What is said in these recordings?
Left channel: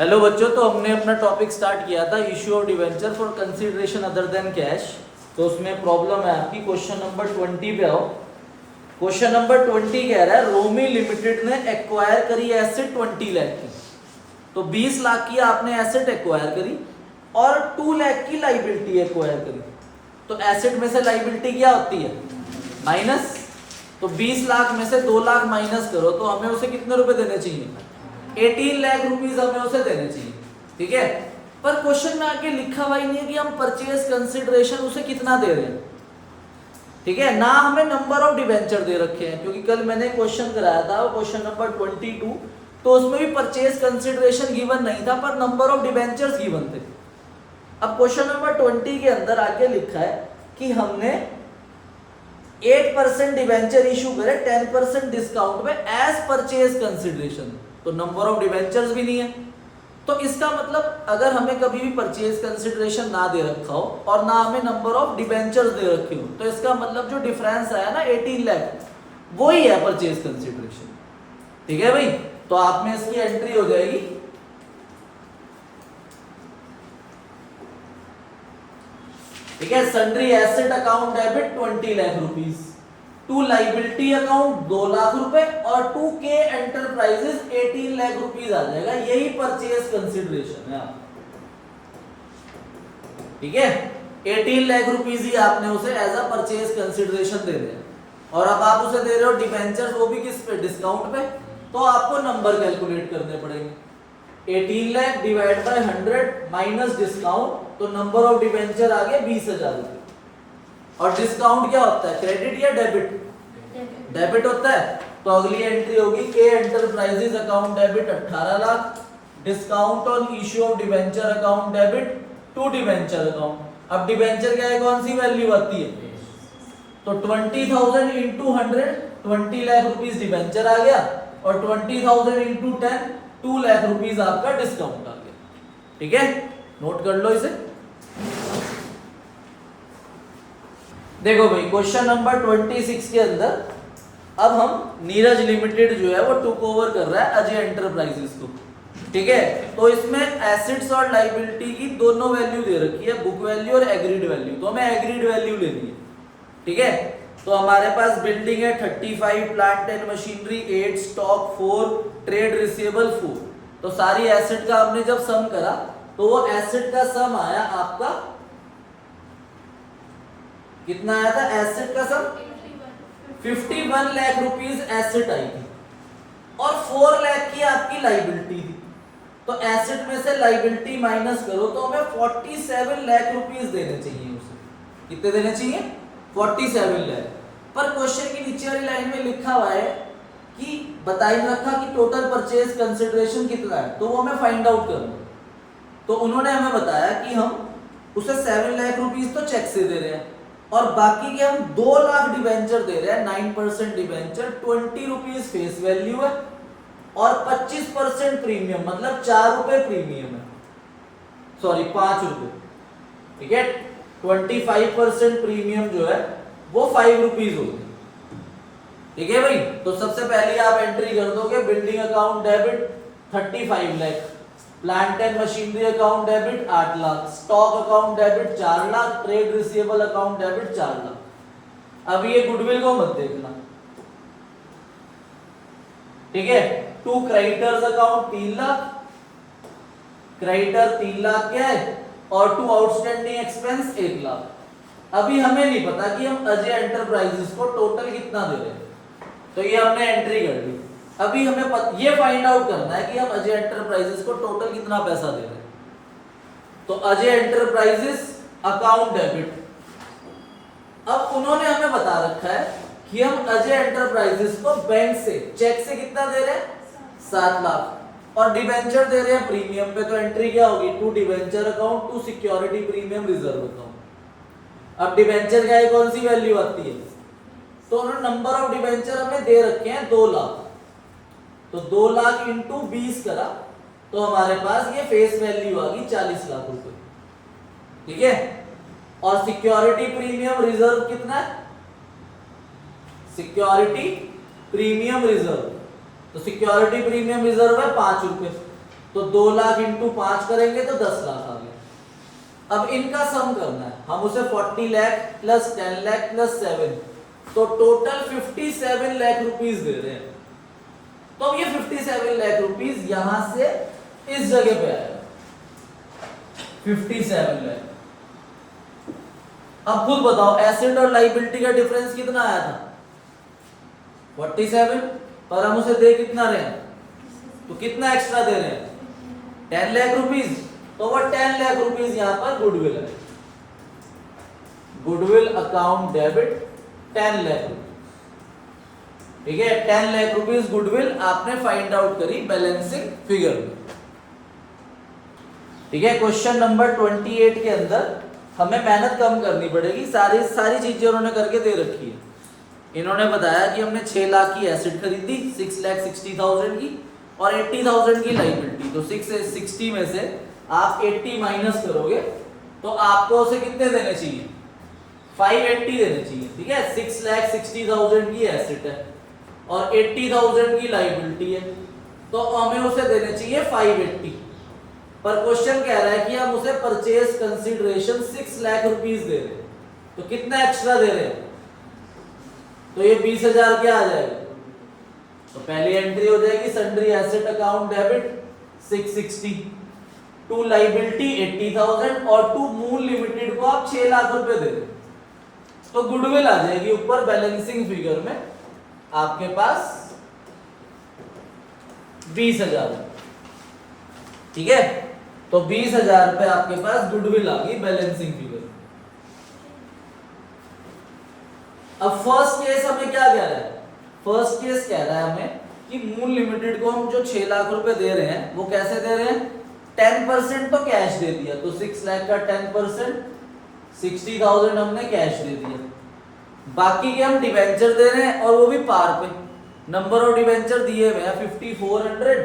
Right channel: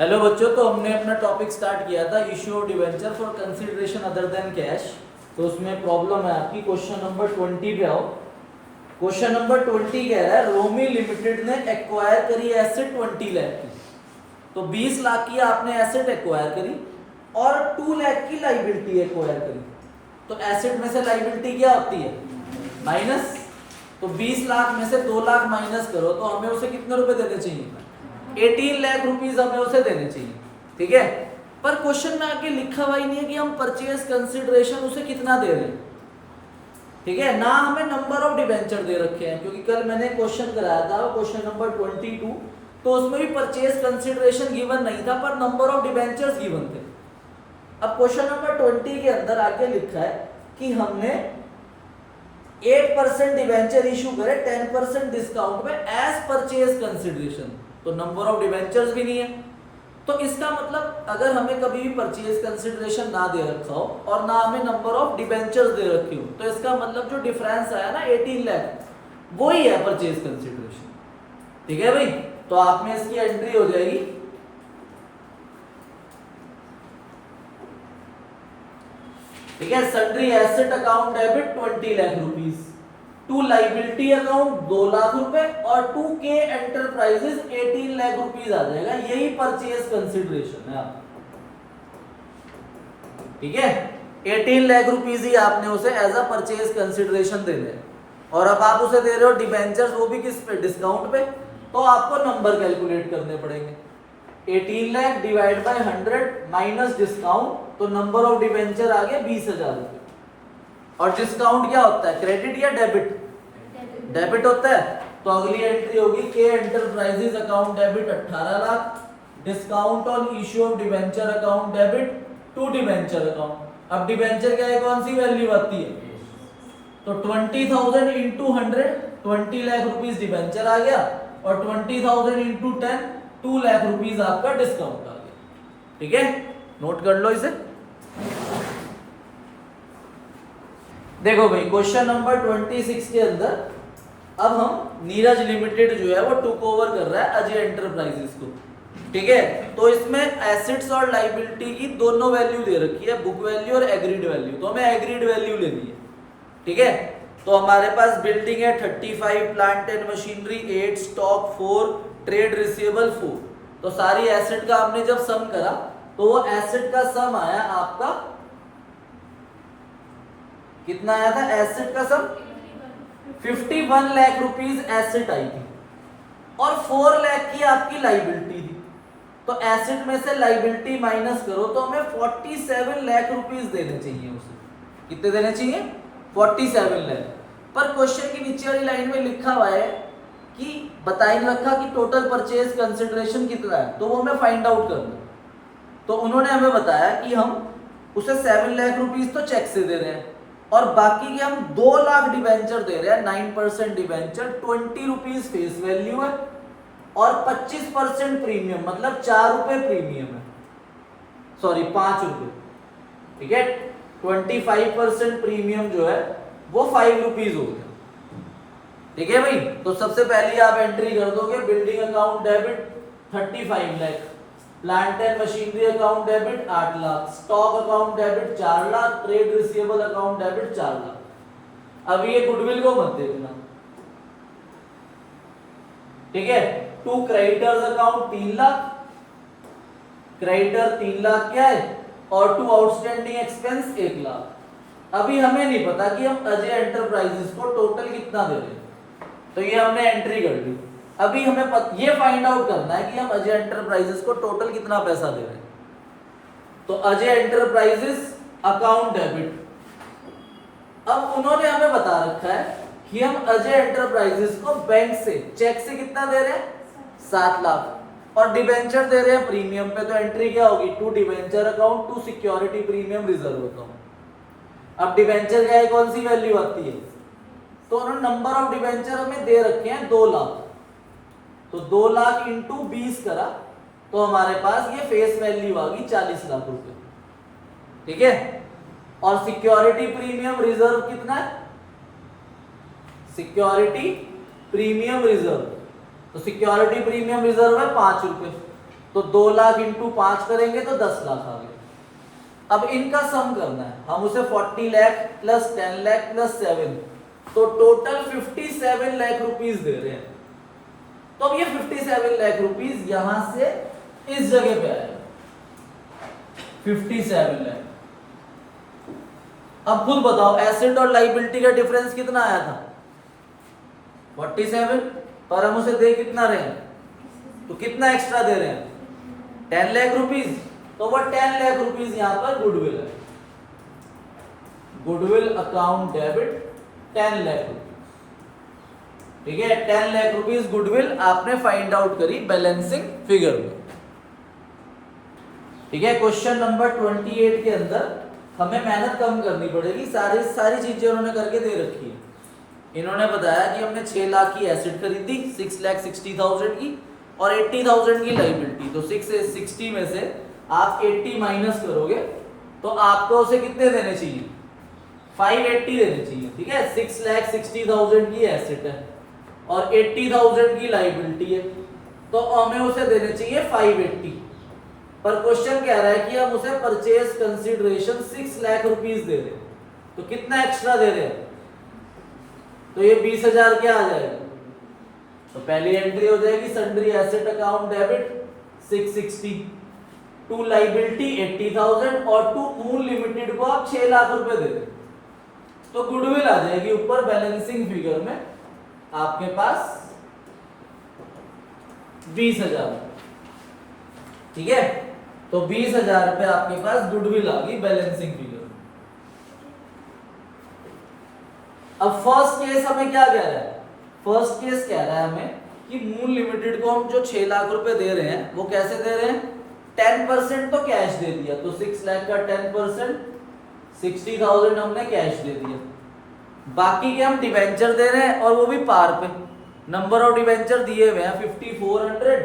Hello बच्चों, तो हमने अपना टॉपिक स्टार्ट किया था issue of debenture for consideration other than cash. तो उसमें प्रॉब्लम है आपकी क्वेश्चन नंबर 20 पे आओ। क्वेश्चन नंबर 20 कह रहा है रोमी लिमिटेड ने एक्वायर करी एसेट 20 लाख की। तो 20 लाख की आपने एसेट एक्वायर करी और 2 लाख की लाइबिलिटी एक्वायर करी। तो एसेट में से लाइबिलिटी क्या होती है? माइनस। तो 20 लाख में से 2 लाख माइनस करो तो हमें उसे कितने रुपए देने चाहिए? 18 लाख रुपीस हमें उसे देने चाहिए। ठीक है, पर क्वेश्चन में आके लिखा हुआ ही नहीं है कि हम परचेज कंसिडरेशन उसे कितना दे रहे हैं। ठीक है ना, हमें नंबर ऑफ डिवेंचर दे रखे हैं, क्योंकि कल मैंने क्वेश्चन कराया था क्वेश्चन नंबर 22, तो उसमें भी परचेज कंसिडरेशन गिवन नहीं था पर नंबर ऑफ डिवेंचर्स गिवन थे। अब क्वेश्चन नंबर 20 के अंदर आके लिखा है कि हमने 8% डिवेंचर इशू करे 10% डिस्काउंट में एज परचेज कंसिडरेशन। तो नंबर ऑफ डिवेंचर्स भी नहीं है। तो इसका मतलब अगर हमें कभी भी परचेज कंसिडरेशन ना दे रखा हो और ना हमें नंबर ऑफ डिवेंचर्स दे रखे हो, तो इसका मतलब जो डिफरेंस आया ना 18 लाख, वो ही है परचेज कंसिडरेशन। ठीक है भाई, तो आप में इसकी एंट्री हो जाएगी। ठीक है, sundry asset account debit 20 lakh rupees, to liability account 2 lakh रुपए और 2K एंटरप्राइजेस 18 लाख रुपीस आ जाएगा। यही परचेज कंसिडरेशन है। ठीक है, 18 लाख रुपीस ही आपने उसे एज अ परचेज कंसिडरेशन दे दिया और अब आप उसे दे रहे हो डिबेंचर्स, वो भी किस पे? डिस्काउंट पे। तो आपको नंबर कैलकुलेट करने पड़ेंगे। 18 lakh divide by 100 minus discount, तो नंबर ऑफ डिबेंचर आ गया 20,000 रुपए। और डिस्काउंट क्या होता है, क्रेडिट या डेबिट? डेबिट होता है। तो अगली एंट्री होगी K enterprises account debit 18 lakh, discount on issue of debenture account debit to debenture account. अब डिबेंचर क्या है, कौन सी वैल्यू आती है? तो 20,000 इंटू 100 20 लाख रुपीस डिबेंचर आ गया और 20,000 इंटू 10 2 लाख रुपीस आपका डिस्काउंट आ गया। ठीक है, नोट कर लो इसे। देखो भाई, क्वेश्चन नंबर 26 के अंदर अब हम नीरज लिमिटेड जो है वो टुक ओवर कर रहा है अजय एंटरप्राइजेस को। ठीक है, तो इसमें एसेट्स और लाइबिलिटी की दोनों वैल्यू दे रखी है, बुक वैल्यू और एग्रीड वैल्यू। तो हमें एग्रीड वैल्यू लेनी है। ठीक है, तो हमारे पास बिल्डिंग है 35, plant and machinery 8, stock 4, trade receivable 4। तो सारी एसेट का हमने जब सम करा तो वो एसेट का सम आया आपका कितना आया था? एसेट का सम 51 लाख रुपीस एसेट आई थी और 4 लाख की आपकी लाइबिलिटी थी। तो एसेट में से लाइबिलिटी माइनस करो तो हमें 47 लाख रुपीस देने चाहिए उसे। कितने देने चाहिए? 47 लाख। पर क्वेश्चन की नीचे वाली लाइन में लिखा हुआ है कि बताइए रखा कि टोटल परचेज कंसिडरेशन कितना है, तो वो हमें फाइंड आउट करना। तो उन्होंने हमें बताया कि हम उसे 7 लाख रुपीस तो चेक से दे रहे हैं और बाकी के हम 2 लाख डिवेंचर दे रहे हैं। 9% डिवेंचर 20 रुपीज फेस वैल्यू है और 25% प्रीमियम, मतलब 4 रुपए प्रीमियम है, सॉरी 5 रुपए। ठीक है, 25% प्रीमियम जो है वो 5 रुपीज हो गया। ठीक है भाई, तो सबसे पहले आप एंट्री कर दोगे building account debit 35 lakh, plant and machinery account debit 8 lakh, stock account debit 4 lakh, trade receivable account debit 4 lakh. अब ये गुडविल को मत देखना। ठीक है, to creditors account 3 lakh, creditor 3 lakh क्या है, और टू आउटस्टैंडिंग एक्सपेंस 1 लाख। अभी हमें नहीं पता कि हम अजय एंटरप्राइजेस को टोटल कितना दे रहे हैं, तो ये हमने एंट्री कर ली। अभी हमें ये फाइंड आउट करना है कि हम अजय एंटरप्राइजेस को टोटल कितना पैसा दे रहे हैं। तो अजय एंटरप्राइजेस अकाउंट डेबिट, अब उन्होंने हमें बता रखा है कि हम अजय एंटरप्राइजेस को बैंक से चेक से कितना दे रहे हैं? 7 लाख और डिबेंचर दे रहे हैं प्रीमियम पे। तो एंट्री क्या होगी? To debenture account to security premium reserve account. अब डिबेंचर का कौन सी वैल्यू आती है? तो उन्होंने नंबर ऑफ डिबेंचर हमें दे रखे हैं 2 लाख, तो 2 लाख इंटू 20 करा तो हमारे पास ये फेस वैल्यू आ गई 40 लाख रुपए। ठीक है, और सिक्योरिटी प्रीमियम रिजर्व कितना है? सिक्योरिटी प्रीमियम रिजर्व, तो सिक्योरिटी प्रीमियम रिजर्व है 5 रुपए। तो 2 लाख इंटू 5 करेंगे तो 10 लाख आ गया। अब इनका सम करना है, हम उसे 40 लाख प्लस 10 लाख प्लस 7, तो टोटल 57 लाख रुपीस दे रहे हैं। तो अब ये 57 लाख रुपीस यहां से इस जगह पे आएगा 57 लाख। अब खुद बताओ एसेट और लायबिलिटी का डिफरेंस कितना आया था 47, और हम उसे दे कितना रहे हैं, तो कितना एक्स्ट्रा दे रहे हैं 10 लाख रुपीस, तो वो 10 लाख रुपीस यहां पर गुडविल है, goodwill account debit 10 lakh rupees. ठीक है, 10 लाख रुपीस गुडविल आपने फाइंड आउट करी बैलेंसिंग फिगर में। ठीक है, क्वेश्चन नंबर 28 के अंदर हमें मेहनत कम करनी पड़ेगी, सारी चीजें उन्होंने करके दे रखी है। इन्होंने बताया कि हमने 6 लाख की एसेट खरीदी, 6,60,000 की और 80,000 की लायबिलिटी, तो 660 में से आप 80 माइनस करोगे तो आपको उसे कितने देने चाहिए 580 देने चाहिए। ठीक है, 6,60,000 की एसेट है और 80,000 की लायबिलिटी है, तो हमें उसे देने चाहिए 580। पर क्वेश्चन कह रहा है कि हम उसे परचेज कंसीडरेशन 6 लाख रुपीस दे रहे हैं, तो कितना एक्स्ट्रा दे रहे हैं, तो ये 20,000 क्या आ जाएगा, तो पहली एंट्री हो जाएगी sundry asset account debit 660, to liability 80,000 और टू मून लिमिटेड को आप 6 लाख रुपए दे रहे, तो गुडविल आ जाएगी ऊपर बैलेंसिंग फिगर में आपके पास 20,000। ठीक है, तो 20,000 पे आपके पास गुडविल आ गई बैलेंसिंग फिगर। अब फर्स्ट केस हमें क्या कह रहा है, फर्स्ट केस कह रहा है हमें कि मून लिमिटेड को हम जो 6 लाख रुपए दे रहे हैं वो कैसे दे रहे हैं, 10% तो कैश दे दिया, तो 6 लाख का 10% 60,000 हमने कैश दे दिया, बाकी के हम डिवेंचर दे रहे हैं और वो भी पार पे। नंबर ऑफ डिवेंचर दिए हुए हैं 5400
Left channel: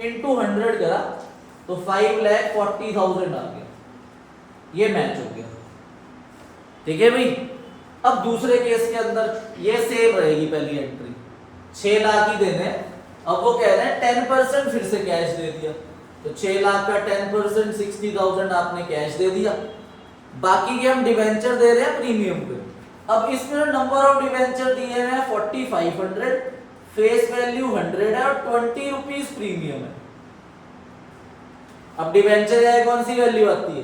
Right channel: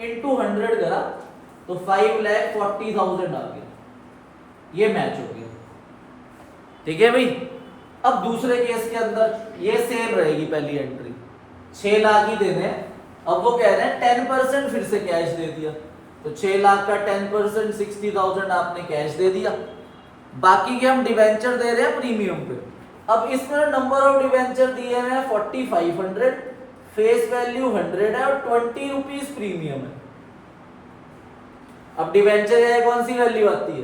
इंटू 100 करा तो 5,40,000 आ गया, ये मैच हो गया। ठीक है भाई, अब दूसरे केस के अंदर ये सेम रहेगी पहली एंट्री, 6 लाख ही देने, अब वो कह रहे हैं 10% फिर से कैश दे दिया, तो 6 लाख का 10% 60,000 आपने कैश दे दिया, बाकी के हम डिवेंचर दे रहे हैं प्रीमियम पे। अब इसमें नंबर ऑफ डिवेंचर दिए हैं 4500, फेस वैल्यू 100 है और 20 रुपीज प्रीमियम है। अब डिवेंचर है कौन सी वैल्यू आती है,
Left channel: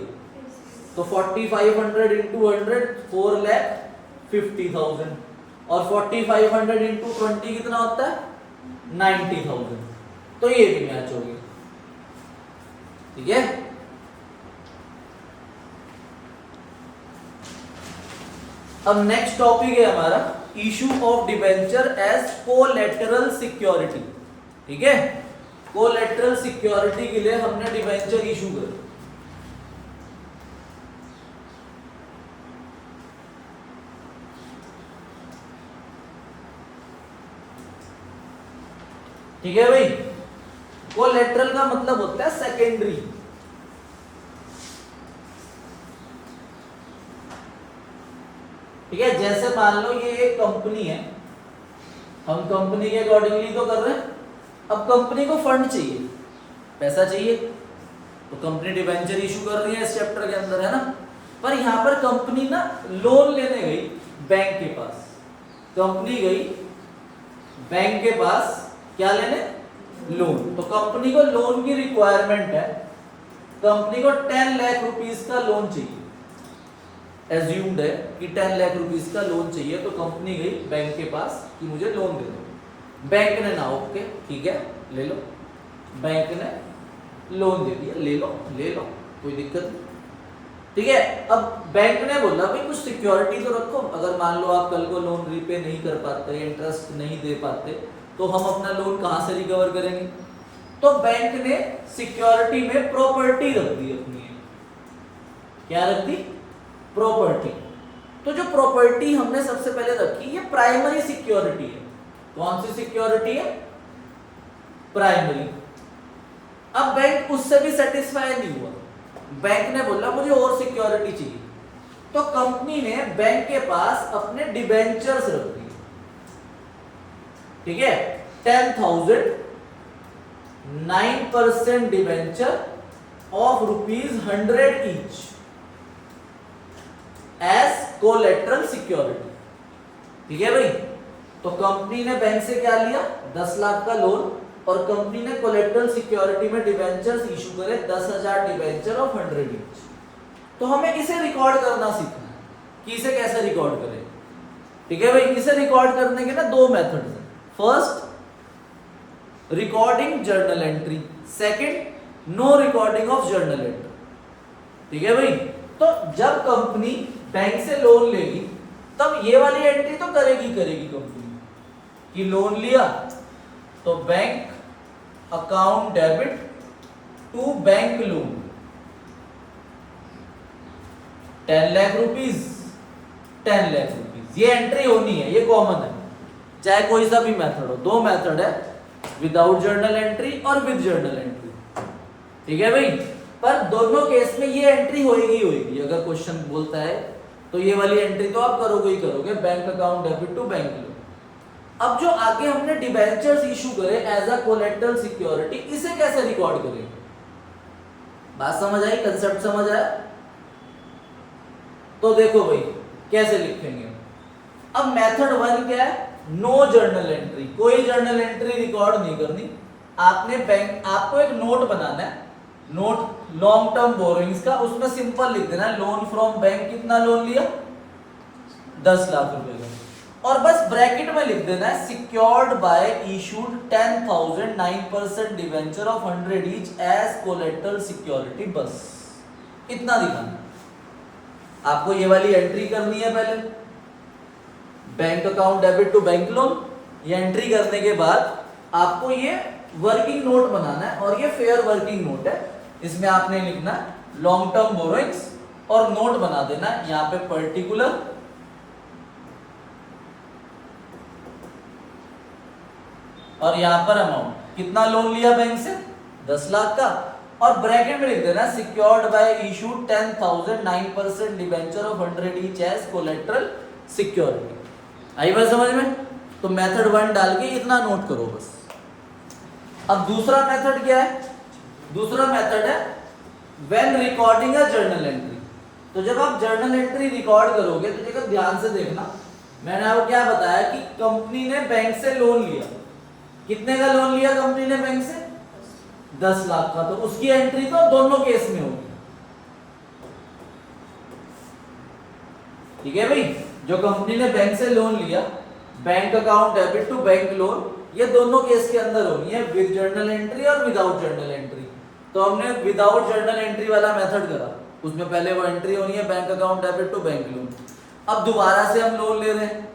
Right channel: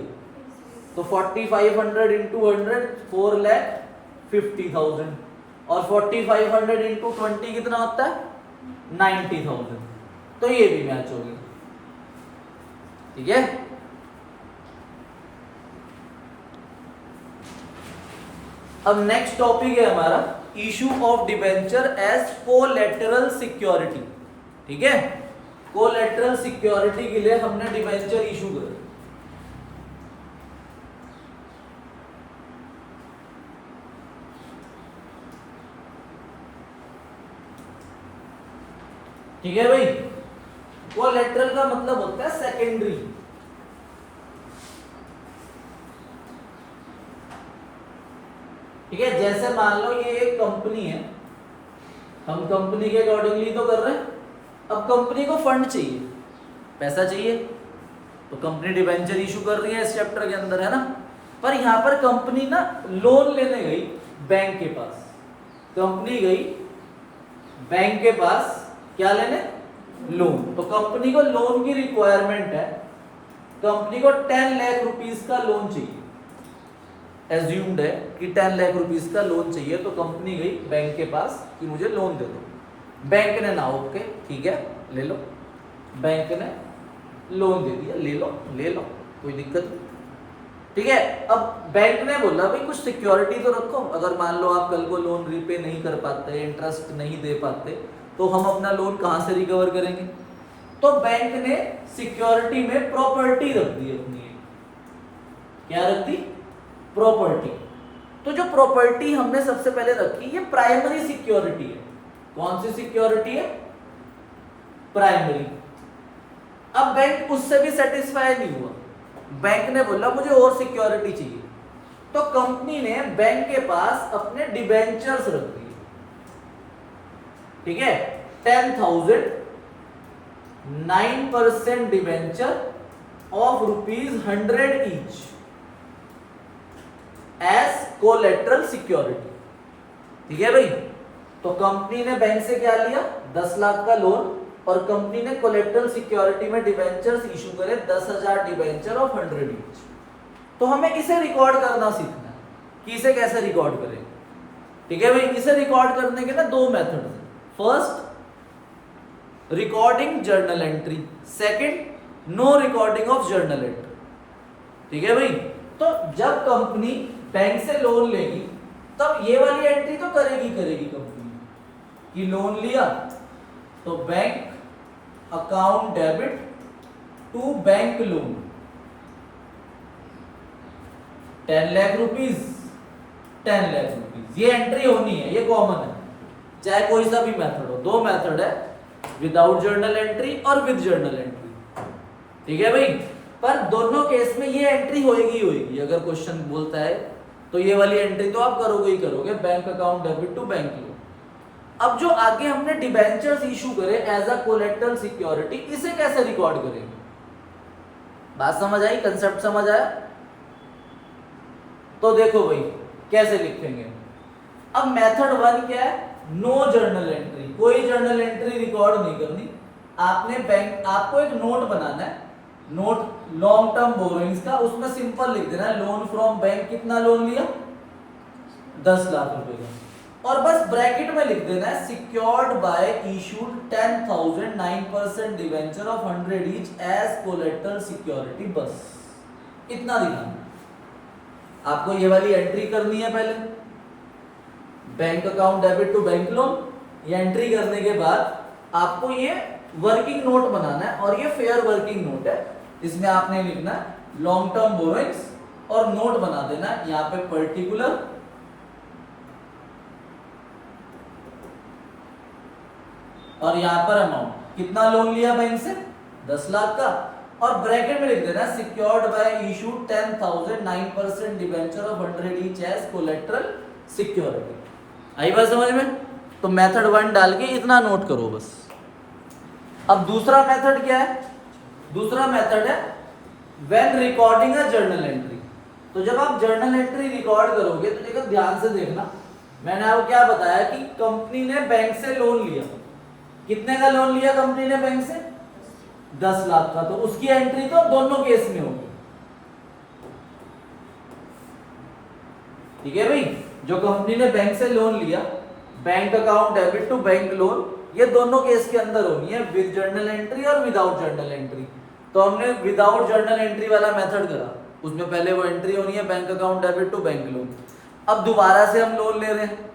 तो 4500 इंटू 100 4,50,000 और 4500 इंटू 20 कितना होता है 90,000, तो ये भी मैच हो गया। ठीक है, अब नेक्स्ट टॉपिक है हमारा issue of debenture as collateral security. ठीक है, कोलैटरल सिक्योरिटी के लिए हमने डिवेंचर इशू कर, ठीक है भाई, कोलैटरल का मतलब होता है सेकेंडरी। ठीक है, जैसे मान लो ये एक कंपनी है, हम कंपनी के अकॉर्डिंगली तो कर रहे हैं, अब कंपनी को फंड चाहिए, पैसा चाहिए, तो कंपनी डिवेंचर इशू कर रही है इस चैप्टर के अंदर, है ना। पर यहां पर कंपनी ना लोन लेने गई बैंक के पास, कंपनी गई बैंक के पास क्या लेने, लोन, तो कंपनी को लोन की रिक्वायरमेंट है, कंपनी को 10 लाख रुपीस का लोन चाहिए, एज्यूम्ड है कि 10 लाख रुपीस का लोन चाहिए, तो कंपनी गई बैंक के पास कि मुझे लोन दे दो, बैंक ने ना ओके ठीक है ले लो, बैंक ने लोन दे दिया, ले लो कोई दिक्कत नहीं। ठीक है, अब बैंक ने बोला भाई कुछ सिक्योरिटी तो रखो, अगर मान लो आप कल को लोन रीपे नहीं कर पाते, इंटरेस्ट नहीं दे पाते, तो हम अपना लोन कहां से रिकवर करेंगे, तो बैंक ने सिक्योरिटी में प्रॉपर्टी रख दी अपनी, क्या रख दी, प्रॉपर्टी। तो जो प्रॉपर्टी हमने सबसे पहले रखी ये प्राइमरी सिक्योरिटी है, कौन सी सिक्योरिटी है, प्राइमरी। अब बैंक उससे भी सेटिस्फाई नहीं हुआ, बैंक ने बोला मुझे और सिक्योरिटी चाहिए, तो कंपनी ने बैंक के पास अपने डिबेंचर्स रख दिए। ठीक है, 10,000 9% debenture of ₹100 each as collateral security. ठीक है भाई, तो कंपनी ने बैंक से क्या लिया, 10 लाख का लोन, और कंपनी ने कोलेटरल सिक्योरिटी में डिवेंचर्स इशू करे 10,000 डिवेंचर ऑफ 100 ईच। तो हमें इसे रिकॉर्ड करना सीखना है कि इसे कैसे रिकॉर्ड करें। ठीक है भाई, इसे रिकॉर्ड करने के ना 2 मेथड हैं। First recording journal entry, second no recording of journal entry. ठीक है भाई, तो जब कंपनी बैंक से लोन लेगी तब ये वाली एंट्री तो करेगी कंपनी कि लोन लिया तो bank account debit to bank loan 10 lakh rupees 10 lakh rupees, ये एंट्री होनी है, ये कॉमन है, चाहे कोई सा भी मेथड हो। 2 मेथड है, विदाउट जर्नल एंट्री और विद जर्नल एंट्री। ठीक है भाई, पर दोनों केस में ये एंट्री होएगी। अगर क्वेश्चन बोलता है तो ये वाली एंट्री तो आप करोगे ही करोगे, bank account debit to bank loan. अब जो आगे हमने डिबेंचर्स इशू करे एज अ कोलेटरल सिक्योरिटी, इसे कैसे रिकॉर्ड करेंगे? बात समझ आई, कंसेप्ट समझ आया? तो देखो भाई कैसे लिखेंगे। अब मेथड 1 क्या है, नो जर्नल एंट्री, कोई जर्नल एंट्री रिकॉर्ड नहीं करनी। आपको एक नोट बनाना है, नोट लॉन्ग टर्म बोरोइंग्स का, उसमें सिंपल लिख देना है लोन फ्रॉम बैंक, कितना लोन लिया, 10 लाख रुपए का, और बस ब्रैकेट में लिख देना है secured by issued 10,000 9% debenture of 100 each as collateral security, बस इतना दिखाना। आपको ये वाली एंट्री करनी है पहले, bank account debit to bank loan. ये एंट्री करने के बाद आपको ये वर्किंग नोट बनाना है, और ये फेयर वर्किंग नोट है। इसमें आपने लिखना है लॉन्ग टर्म बोरोइंग्स और नोट बना देना है यहाँ पे पर्टिकुलर, और यहाँ पर अमाउंट, कितना लोन लिया बैंक से, 10 लाख का, और ब्रैकेट में लिख देना secured by issue 10,000 9% debenture of 100 each as collateral security. आई बात समझ में? तो मेथड 1 डाल के इतना नोट करो बस। अब दूसरा मेथड क्या है, दूसरा मेथड है when recording a journal entry. तो जब आप जर्नल एंट्री रिकॉर्ड करोगे तो देखो ध्यान से देखना, मैंने आपको क्या बताया कि कंपनी ने बैंक से लोन लिया, कितने का लोन लिया कंपनी ने बैंक से, 10 लाख का, तो उसकी एंट्री तो दोनों केस में होगी। ठीक है भाई, जो कंपनी ने बैंक से लोन लिया, bank account debit to bank loan, ये दोनों केस के अंदर होनी है, विद जर्नल एंट्री और विदाउट जर्नल एंट्री। तो हमने विदाउट जर्नल एंट्री वाला मेथड करा, उसमें पहले वो एंट्री होनी है bank account debit to bank loan. अब दोबारा से हम लोन ले रहे हैं,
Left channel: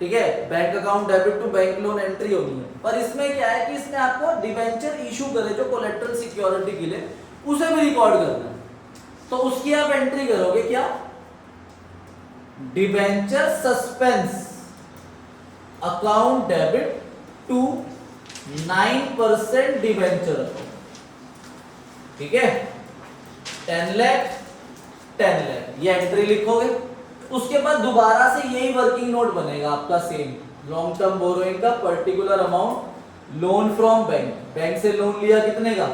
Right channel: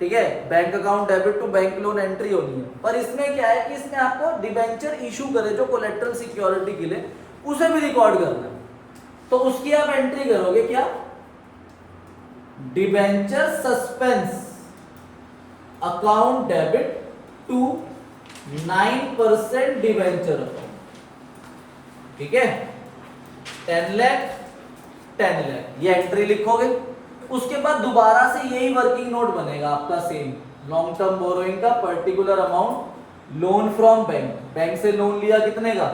ठीक है, bank account debit to bank loan entry होनी है, पर इसमें क्या है कि इसमें आपको डिबेंचर इशू करे जो कोलेटरल सिक्योरिटी के लिए, उसे भी रिकॉर्ड करना है। तो उसकी आप एंट्री करोगे क्या, debenture suspense account debit to 9% debenture account. ठीक है, 10 लाख 10 लाख, ये एंट्री लिखोगे। उसके बाद दोबारा से यही वर्किंग नोट बनेगा आपका सेम, लॉन्ग टर्म बोरोइंग का particular amount, loan from bank, bank से लोन लिया कितने का,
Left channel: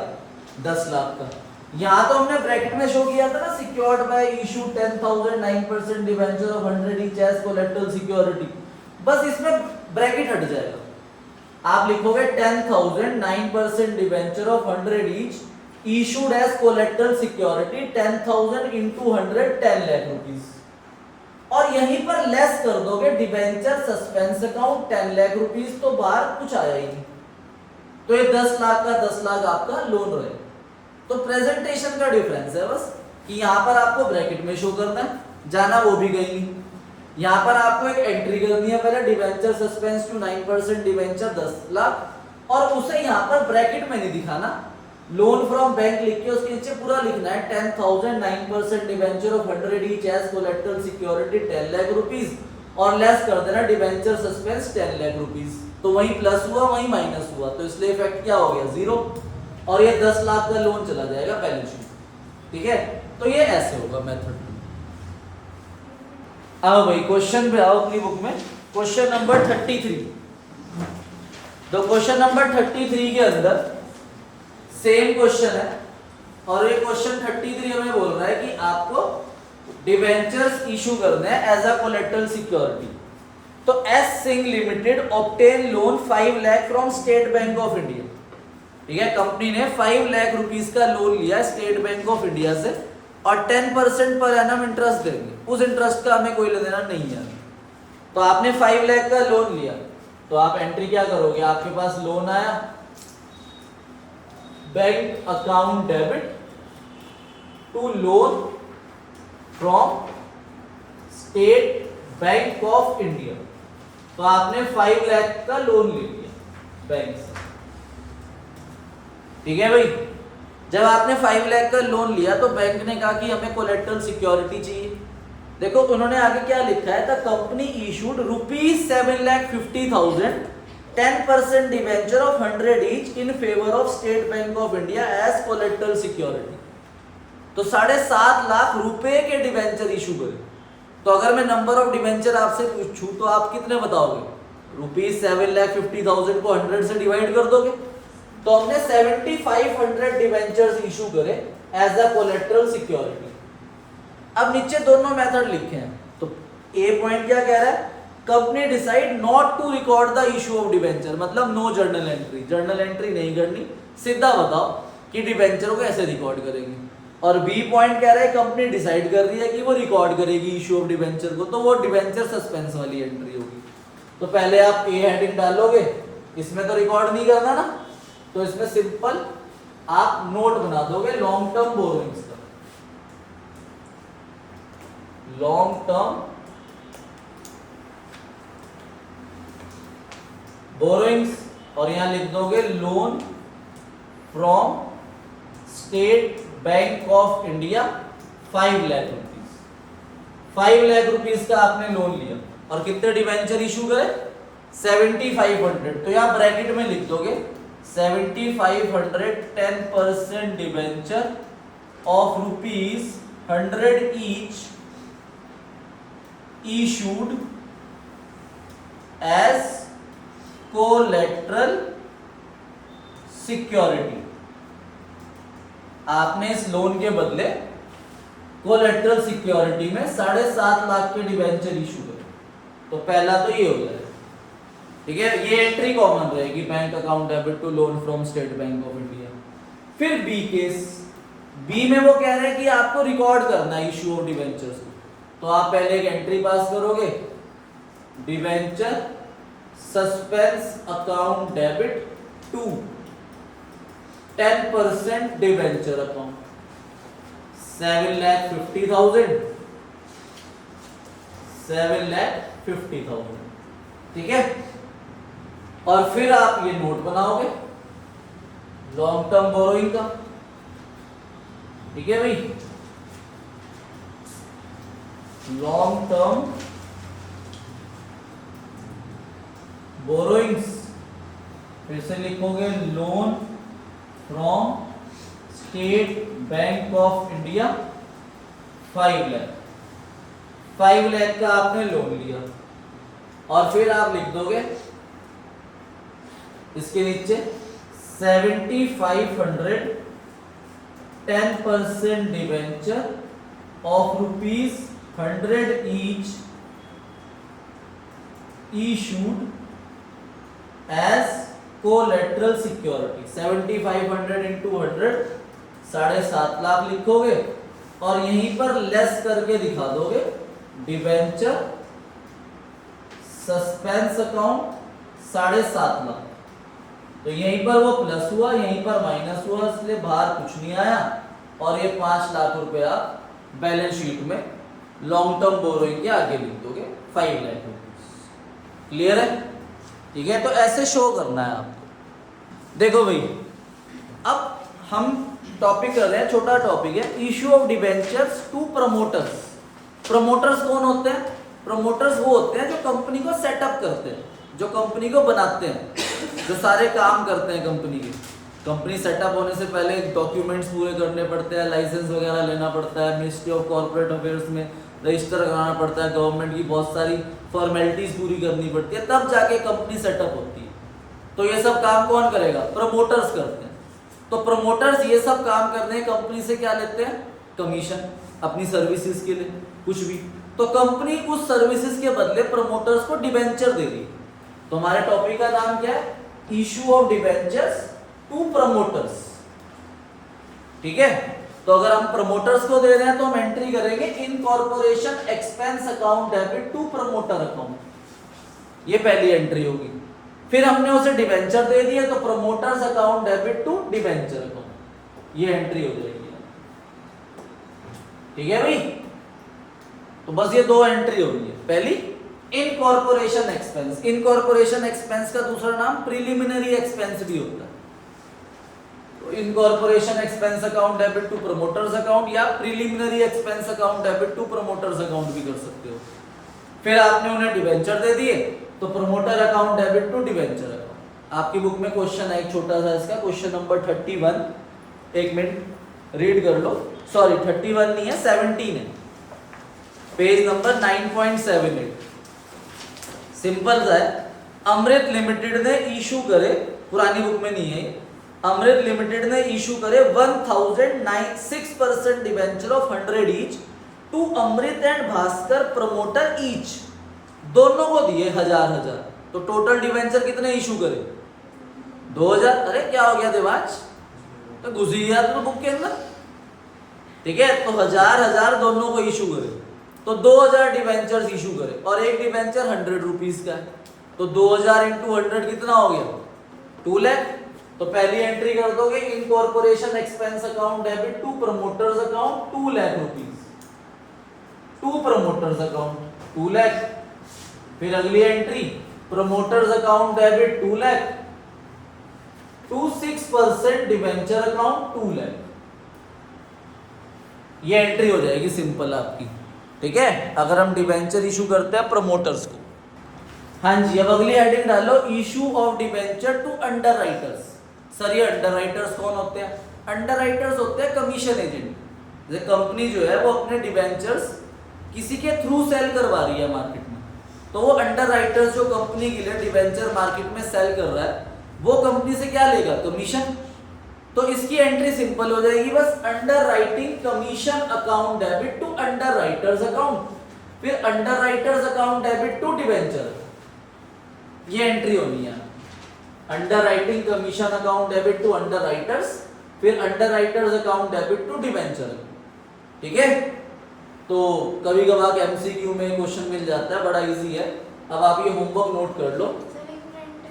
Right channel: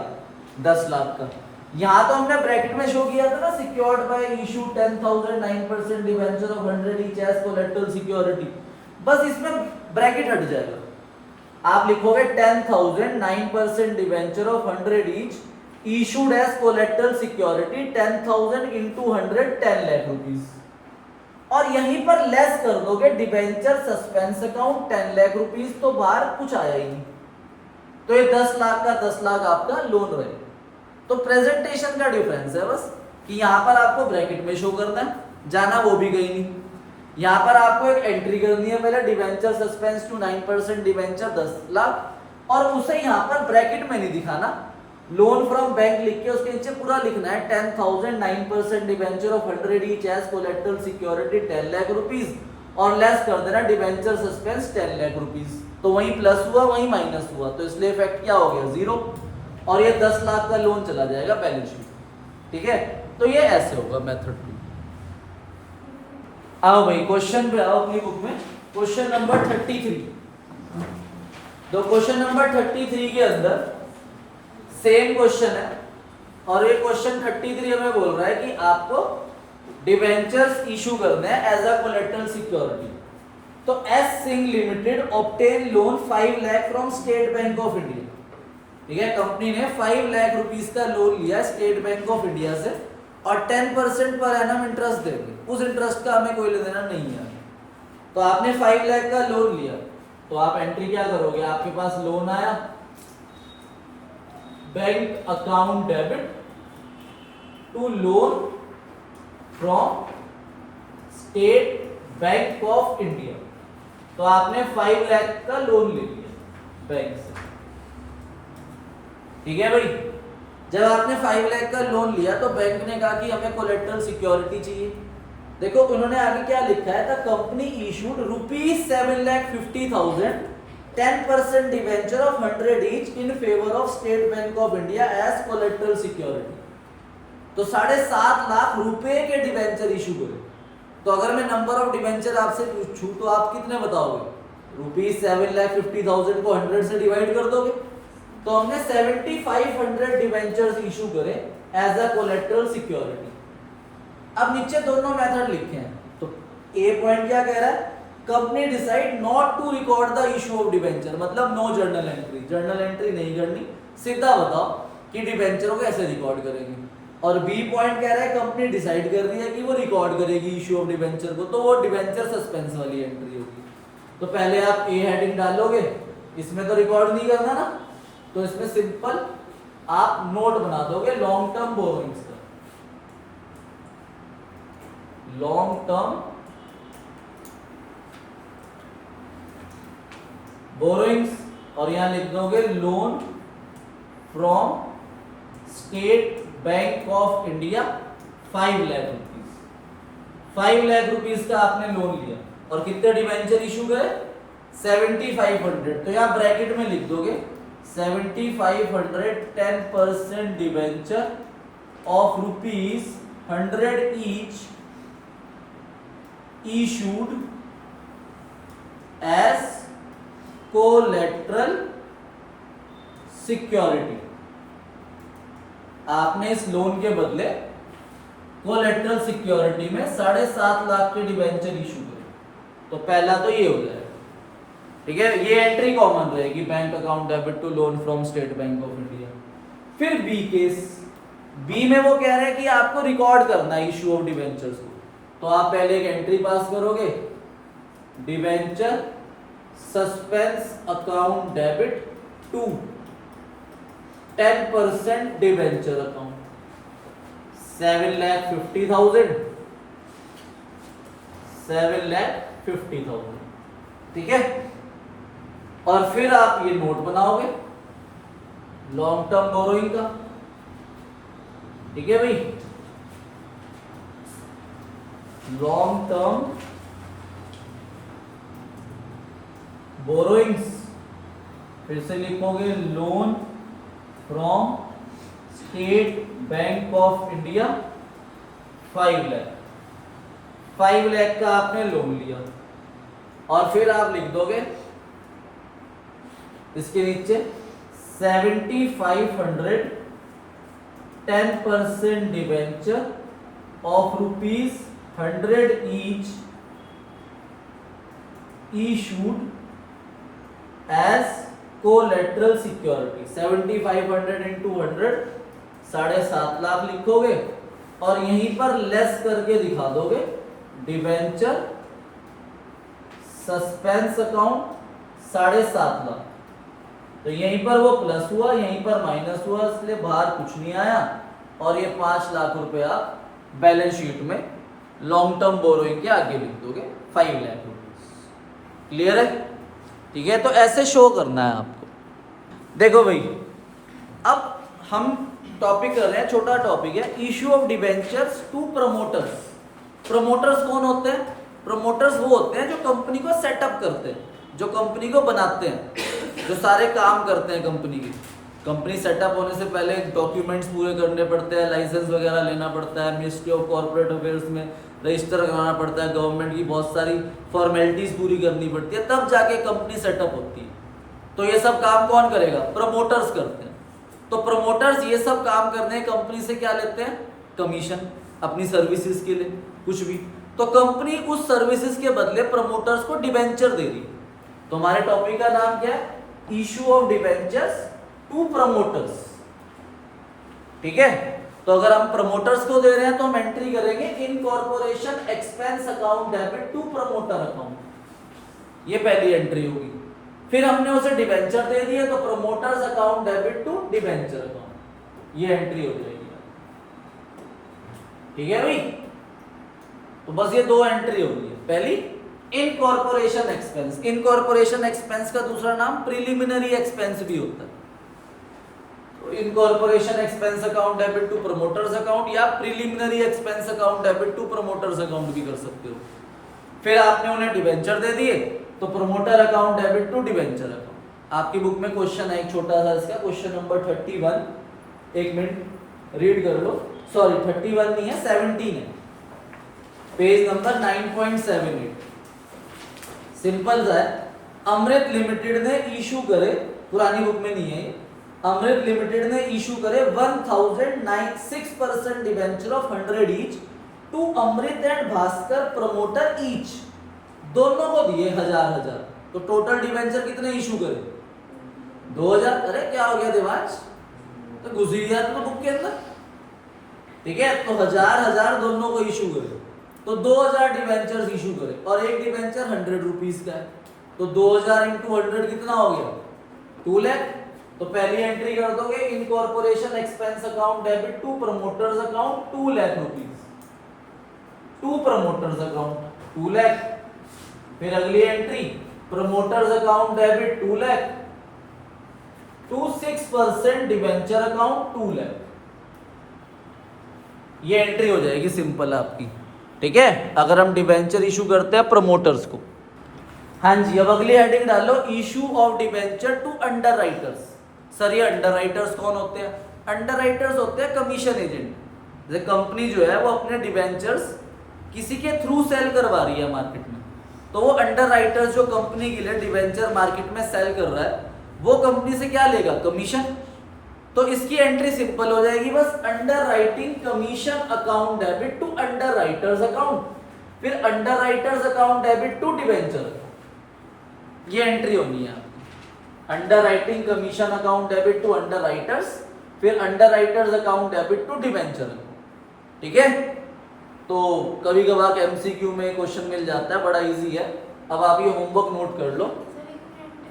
10 लाख का। यहां तो हमने ब्रैकेट में शो किया था ना, secured by issue 10,000 9% debenture of 100 each as collateral security, बस इसमें ब्रैकेट हट जाएगा। आप लिखोगे 10,000 9% debenture of 100 each issued as collateral security, 10,000 into 100 10 lakh rupees, और यहीं पर लेस कर दोगे debenture suspense account 10 lakh rupees, तो बाहर कुछ आया ही नहीं, तो ये 10 लाख का 10 लाख आपका लोन रहेगा। तो प्रेजेंटेशन का डिफरेंस है बस कि यहां पर आपको ब्रैकेट में शो करना है, जाना वो भी कहीं नहीं। यहां पर आपको एक एंट्री करनी है पहले, debenture suspense to 9% debenture 10 lakh, और उसे यहां पर ब्रैकेट में नहीं दिखाना, लोन फ्रॉम बैंक लिख के उसके नीचे पूरा लिखना है 10,000 9% debenture of 100 each as collateral security 10 lakh rupees, और लेस कर देना डिबेंचर सस्पेंस 10 लाख रुपीस। तो वहीं प्लस हुआ वहीं माइनस हुआ, तो इसलिए इफेक्ट क्या हो गया, 0, और ये 10 लाख का लोन चला जाएगा बैलेंस शीट। ठीक है, तो ये ऐसे होगा मेथड। आओ भाई क्वेश्चन पे आओ अपनी बुक में, क्वेश्चन नंबर 33। तो क्वेश्चन नंबर 33 के अंदर सेम क्वेश्चन है और ये क्वेश्चन 33 में बोल रहा है कि आपको डिवेंचर्स इशू करने हैं एज अ कोलेटरल सिक्योरिटी। तो S Singh limited obtain loan 5 lakh from State Bank of India. ठीक है, कंपनी ने 5 लाख रुपीस का लोन लिया स्टेट बैंक ऑफ इंडिया से और 10% पर एनम इंटरेस्ट देंगे। उस इंटरेस्ट का हमें कोई लेना नहीं है। तो आपने 5 लाख का लोन लिया तो आप एंट्री क्या करोगे, आपके पास लोन आया, bank account debit to loan from State Bank of India. तो आपने 5 लाख का लोन ले लिया बैंक से। ठीक है भाई, जब आपने 5 लाख का लोन लिया तो बैंक ने कहा कि हमें कोलेटरल सिक्योरिटी चाहिए। देखो उन्होंने आगे क्या लिखा है, the company issued ₹7,50,000 10% debenture of 100 each in favour of State Bank of India as collateral security. तो 7.5 लाख रुपए के डिवेंचर इशू करे। तो अगर मैं नंबर ऑफ डिवेंचर आपसे पूछूं तो आप कितने बताओगे, ₹7,50,000 को 100 से डिवाइड कर दोगे। तो हमने 7,500 डिवेंचर्स इशू करे एज अ कोलेटरल सिक्योरिटी। अब नीचे दोनों मेथड लिखे हैं। तो ए पॉइंट क्या कह रहा है, company decide not to record the issue of debenture, मतलब no journal entry, journal entry नहीं करनी, सीधा बताओ कि डिवेंचरों को ऐसे रिकॉर्ड करेगी। और बी पॉइंट कह रहा है कंपनी डिसाइड कर रही है कि वो रिकॉर्ड करेगी इशू ऑफ डिवेंचर को, तो वो डिवेंचर सस्पेंस वाली एंट्री होगी। तो पहले आप ए हेडिंग डालोगे, इसमें तो रिकॉर्ड नहीं करना ना, तो इसमें सिंपल आप नोट बना दोगे लॉन्ग टर्म बोरोइंग्स का, लॉन्ग टर्म बोरोइंग्स, और यहां लिख दोगे loan from State Bank of India 5 lakh rupees. 5 lakh rupees का आपने लोन लिया और कितने डिवेंचर इशू करे, 7,500। तो यहां ब्रैकेट में लिख दोगे 7,500 10% debenture of ₹100 each issued as collateral security। आपने इस लोन के बदले कोलेटरल सिक्योरिटी में 7.5 लाख के डिवेंचर इशू करे। तो पहला तो ये हो जाएगा। ठीक है, ये एंट्री कॉमन रहेगी, bank account debit to loan from State Bank of India. फिर बी केस, बी में वो कह रहे हैं कि आपको रिकॉर्ड करना है इशू ऑफ डिवेंचर्स को। तो आप पहले एक एंट्री पास करोगे, debenture suspense account debit to 10% debenture account 7,50,000 7,50,000। ठीक है, और फिर आप ये नोट बनाओगे लॉन्ग टर्म बोरोइंग का। ठीक है भाई, लॉन्ग टर्म बोरोइंग्स, फिर से लिखोगे loan from State Bank of India 5 lakh. 5 lakh का आपने लोन लिया और फिर आप लिख दोगे इसके नीचे 7,500 10% debenture of ₹100 each issued as collateral security। 7,500 into 100 7.5 lakh लिखोगे और यहीं पर लेस करके दिखा दोगे डिवेंचर सस्पेंस अकाउंट 7.5 लाख। तो यहीं पर वो प्लस हुआ, यहीं पर माइनस हुआ, इसलिए बाहर कुछ नहीं आया और ये 5 लाख रुपया बैलेंस शीट में लॉन्ग टर्म बोरोइंग के आगे लिख दोगे 5 लाख रुपीस। क्लियर है? ठीक है, तो ऐसे शो करना है। देखो भाई, अब हम टॉपिक कर रहे हैं, छोटा टॉपिक है, issue of debentures to promoters. Promoters कौन होते हैं? प्रमोटर्स वो होते हैं जो कंपनी को सेटअप करते हैं, जो कंपनी को बनाते हैं, जो सारे काम करते हैं कंपनी के। कंपनी सेटअप होने से पहले डॉक्यूमेंट्स पूरे करने पड़ते हैं, लाइसेंस वगैरह लेना पड़ता है, मिनिस्ट्री ऑफ कॉर्पोरेट अफेयर्स में रजिस्टर कराना पड़ता है, गवर्नमेंट की बहुत सारी फॉर्मेलिटीज पूरी करनी पड़ती है, तब जाके कंपनी सेटअप होती है। तो ये सब काम कौन करेगा? प्रमोटर्स करते हैं। तो प्रमोटर्स ये सब काम करने कंपनी से क्या लेते हैं, कमीशन, अपनी सर्विसेज के लिए कुछ भी। तो कंपनी उस सर्विसेज के बदले प्रमोटर्स को डिबेंचर दे रही है। तो हमारे टॉपिक का नाम क्या है, issue of debentures to promoters. ठीक है, तो अगर हम प्रमोटर्स को दे रहे हैं तो हम एंट्री करेंगे incorporation expense account debit to promoter account, ये पहली एंट्री होगी। फिर हमने उसे डिबेंचर दे दिया तो promoters account debit to debenture account, ये एंट्री हो जाएगी। ठीक है भाई, तो बस ये दो एंट्री होगी। पहली इनकॉर्पोरेशन एक्सपेंस, इनकॉर्पोरेशन एक्सपेंस का दूसरा नाम प्रिलिमिनरी एक्सपेंस भी होता है। तो incorporation expense account debit to promoters account या preliminary expense account debit to promoters account भी कर सकते हो। फिर आपने उन्हें डिबेंचर दे दिए तो promoter account debit to debenture account. आपकी बुक में क्वेश्चन है एक छोटा सा इसका, क्वेश्चन नंबर 31, एक मिनट रीड कर लो, सॉरी 31 नहीं है 17 है, पेज नंबर 9.78। सिंपल सा है, अमृत लिमिटेड ने इशू करे, पुरानी बुक में नहीं है, अमृत लिमिटेड ने इशू करे 1006% debenture of 100 each to Amrit and Bhaskar promoter each, दोनों को दिए 1000। तो टोटल डिबेंचर कितने इशू करे, 2000। अरे क्या हो गया देवांश, तो घुस गया तो बुक के अंदर। ठीक है, तो 1000 दोनों को इशू करे, तो 2000 डिबेंचर्स इशू करे और एक डिबेंचर 100 रुपीज का है, तो 2000 इंटू 100 कितना हो गया, 2 लाख। तो पहली एंट्री कर दोगे incorporation expense account debit to promoters account 2 lakh rupees, to promoters account 2 lakh. फिर अगली entry promoters account debit 2 lakh to 6% debenture account 2 lakh. ये एंट्री हो जाएगी सिंपल आपकी। ठीक है, अगर हम डिबेंचर इशू करते हैं प्रमोटर्स को। हाँ जी, अब अगली हेडिंग डालो, issue of debenture to underwriters. Sir ये अंडर राइटर्स कौन होते हैं, अंडर राइटर्स होते हैं कमीशन एजेंट। जैसे कंपनी जो है वो अपने डिबेंचर्स किसी के थ्रू सेल करवा रही है मार्केट में, तो वो अंडर राइटर्स जो कंपनी के लिए डिबेंचर मार्केट में सेल कर रहा है, वो कंपनी से क्या लेगा, कमीशन। तो इसकी एंट्री सिंपल हो जाएगी, बस underwriting commission account debit to underwriters account, फिर underwriters account debit to debenture, ये एंट्री होनी है। Underwriting commission account debit to underwriters, फिर underwriters account debit to debenture. ठीक है, तो कभी कभार एमसीक्यू में क्वेश्चन मिल जाता है, बड़ा इजी है। अब आप ये होमवर्क नोट कर लो,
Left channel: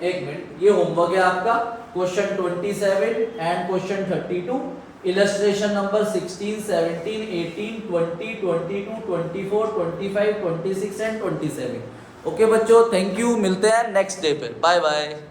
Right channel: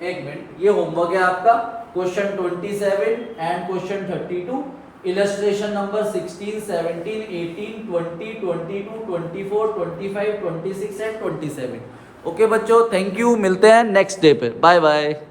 एक मिनट, ये होमवर्क है आपका, question 27 and question 32, illustration number 16, 17, 18, 20, 22, 24, 25, 26 and 27। Okay बच्चों, थैंक यू, मिलते हैं नेक्स्ट डे पे, बाय बाय।